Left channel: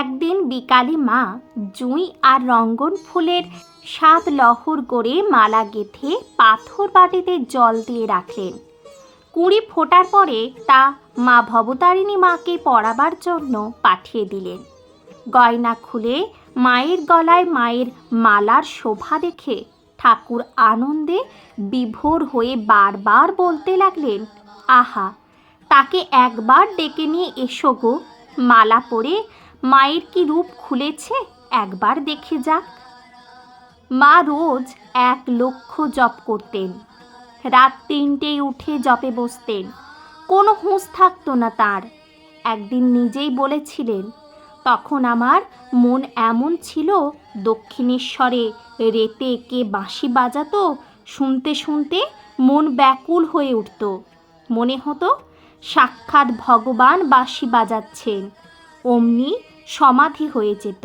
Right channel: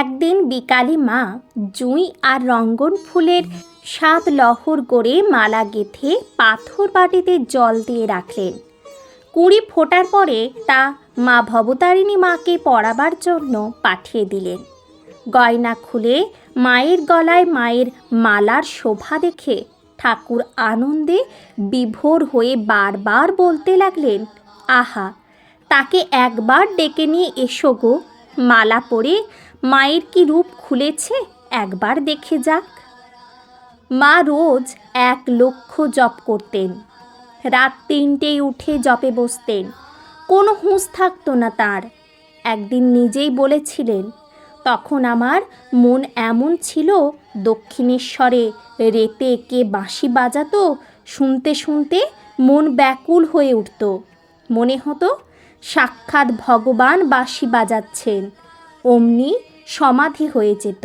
একদিন বিকালে মা জুঁই আর রঙ্গন ফুলের 7 লহর করে মালা গেঁথে পাথর বাটিতে জল দিয়ে রাখলেন। 20 ফোটার পরে তা মা ভবতারিণী মাকে পরাবার জন্য পাঠিয়ে দিলেন। গয়না খুলে মায়ের গলায় মায়ের মালার শোভা দেখে ঠাকুর আনন্দে বিভোর হয়ে বারবার বলতে লাগলেন, আহা, তাকে একবার ডেকে নিয়ে এসো গো, মালা পরে মায়ের কি রূপ খুলেছে একবার দেখে যাক। মা রোজ 1 লক্ষ জপ করতেন। রাত 3টেয় উঠে জপে বসতেন। কোনো হুঁশ থাকতো না তার। একদিন নিজেই বলেছিলেন, তখন আমার মন এমন ছিল, দক্ষিণেশ্বরে রেতে কে বাঁশি বাজাতো, শুনতে শুনতে মন ব্যাকুল হয়ে উঠত। মনে হতো সাক্ষাৎ ভগবান বাঁশি বাজাচ্ছেন। অমনি সমাধি হয়ে যেত।